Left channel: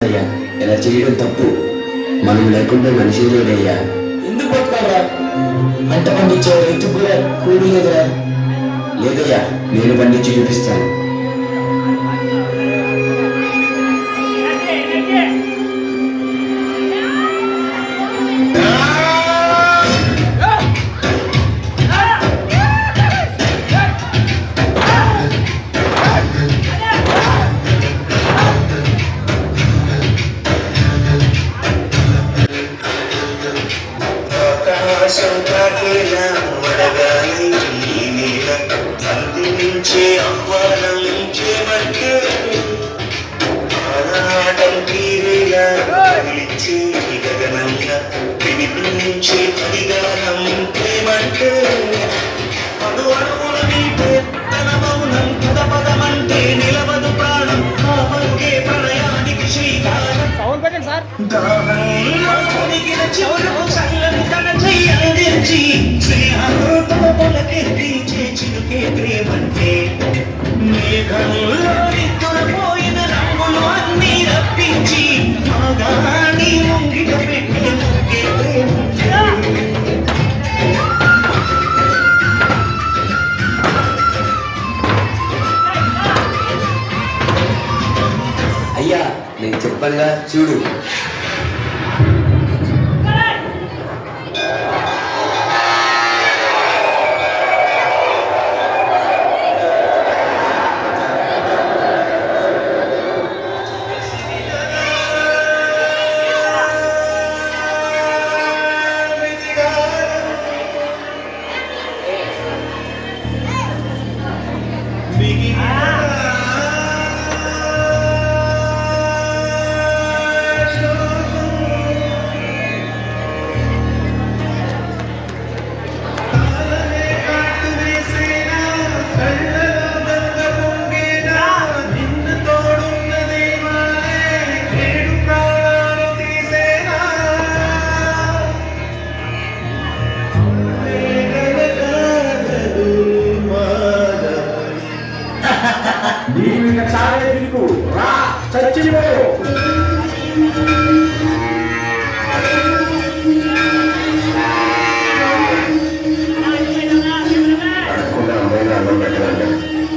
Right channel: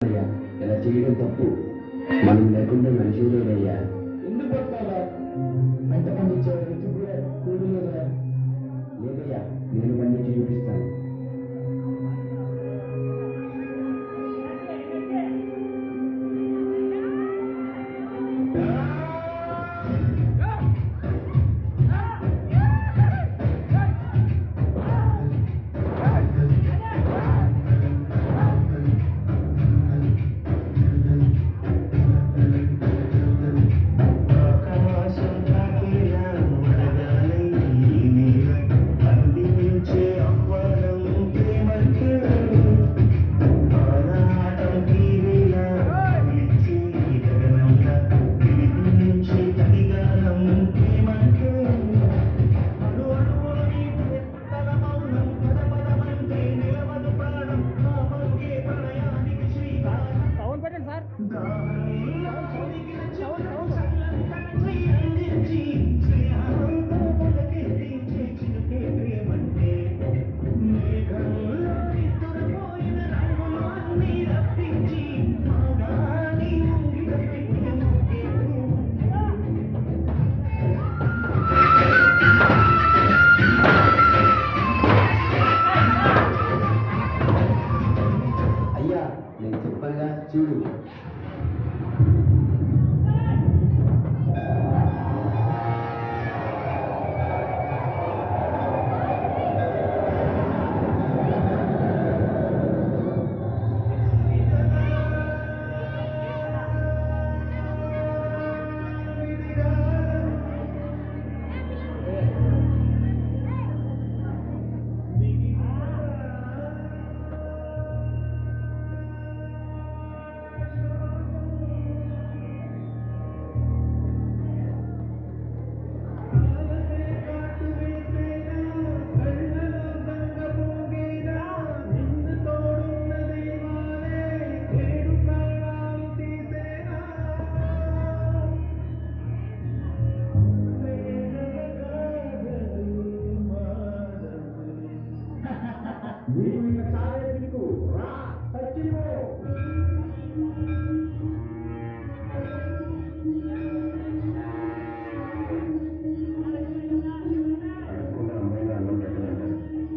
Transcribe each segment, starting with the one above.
అయ్యా ఇలా చేయడం తప్పు. మనం లేకుండా మనిషి లేదయ్యా. ఎందుకు పట్టుకోరా? పంట పండించే రైతు కూడా కూలి లేదురా. లేదయ్యా, నేను పండించి చూపిస్తాను. అయ్యా, నేను చెప్పంగా చూడు.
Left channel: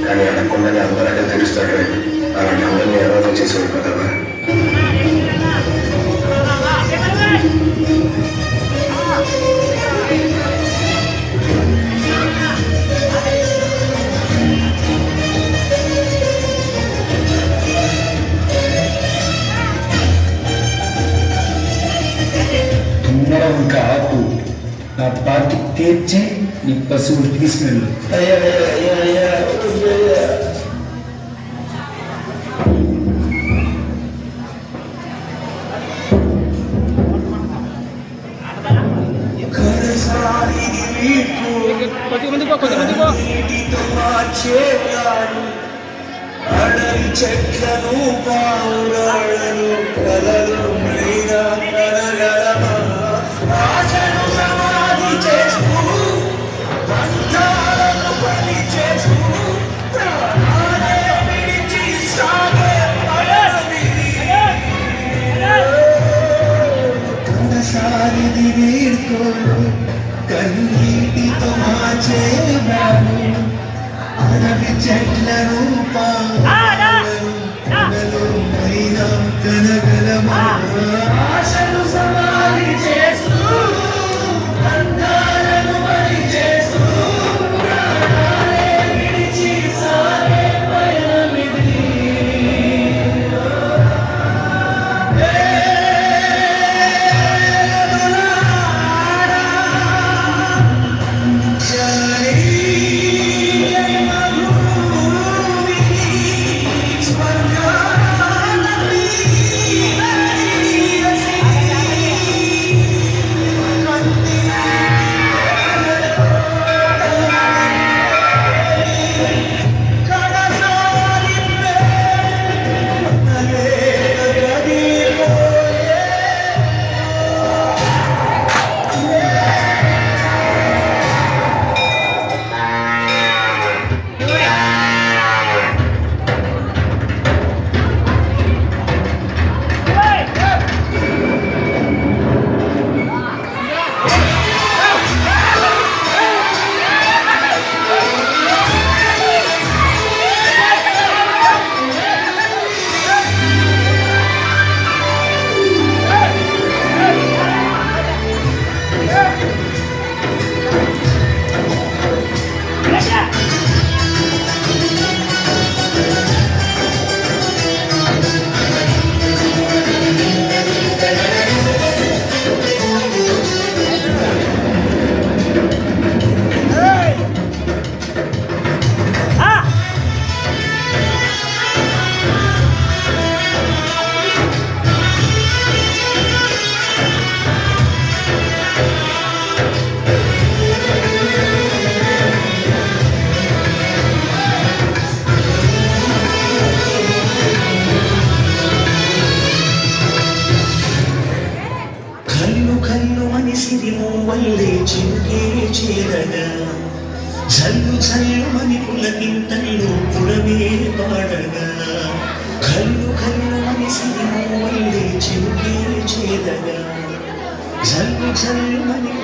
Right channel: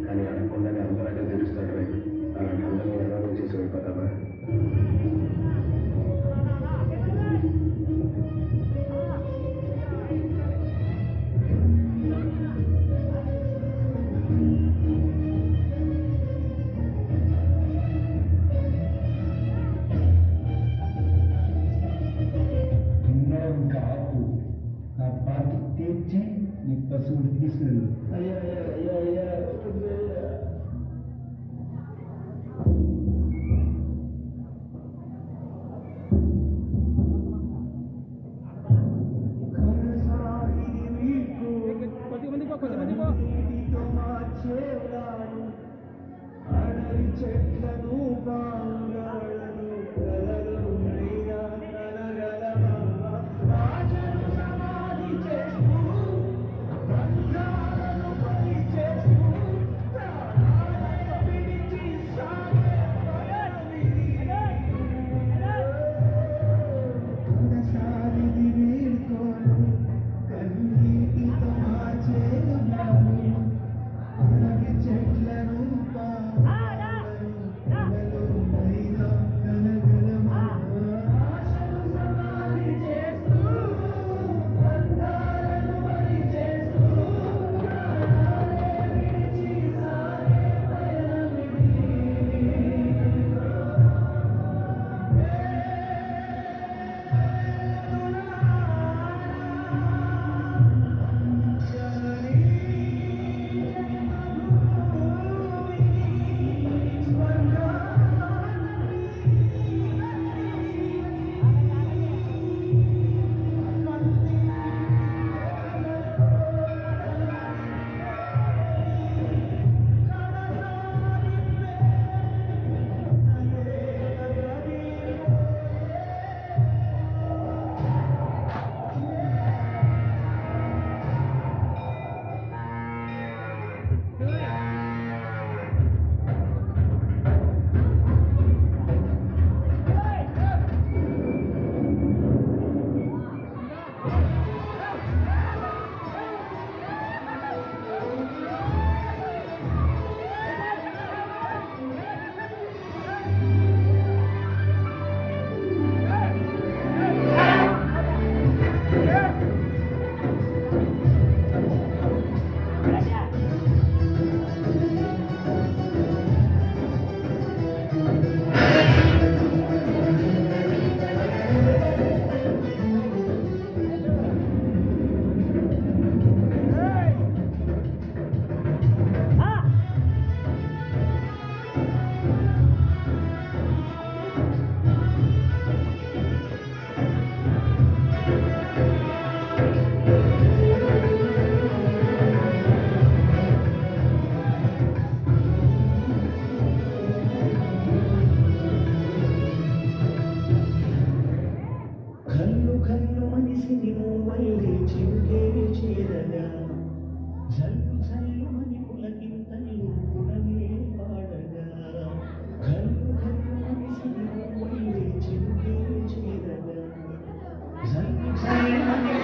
కానీ అనకుండానే అందరూ తెలుస్తాడు. అలాంటి అందరినీ ఎవరో చేసేవాడు కదా. ఇంకా ఆపు. నా పార్టీ తీర్చి నీ పశువులు తీసుకెళ్ళు. చెట్లను పావురాళ్ళను కలలు ఆశను సమాధి చేస్తూ బంధాలను బలి చేస్తూ విడిచి సాగే కన్నసారిది వీడుకోను కన్నీటితో మార్చేవాడు అడవి చెట్లను పావురాళ్ళను కలలు మైనా కనగలమా ఆశను సమాధి చేస్తూ బంధాలను బలి చేస్తూ ప్రాణాలే విడిచి సాగే పయనమిది. జానీ మధువిని కన్ను అని సిరిము వల్లే చినుకే చేరగా జల్లు జల్లుమని పులకింతల్లో పుడమే పాడగా కన్ను కన్ను అని సిరిము వల్లే చినుకే చేరగా జల్లు జల్లుమని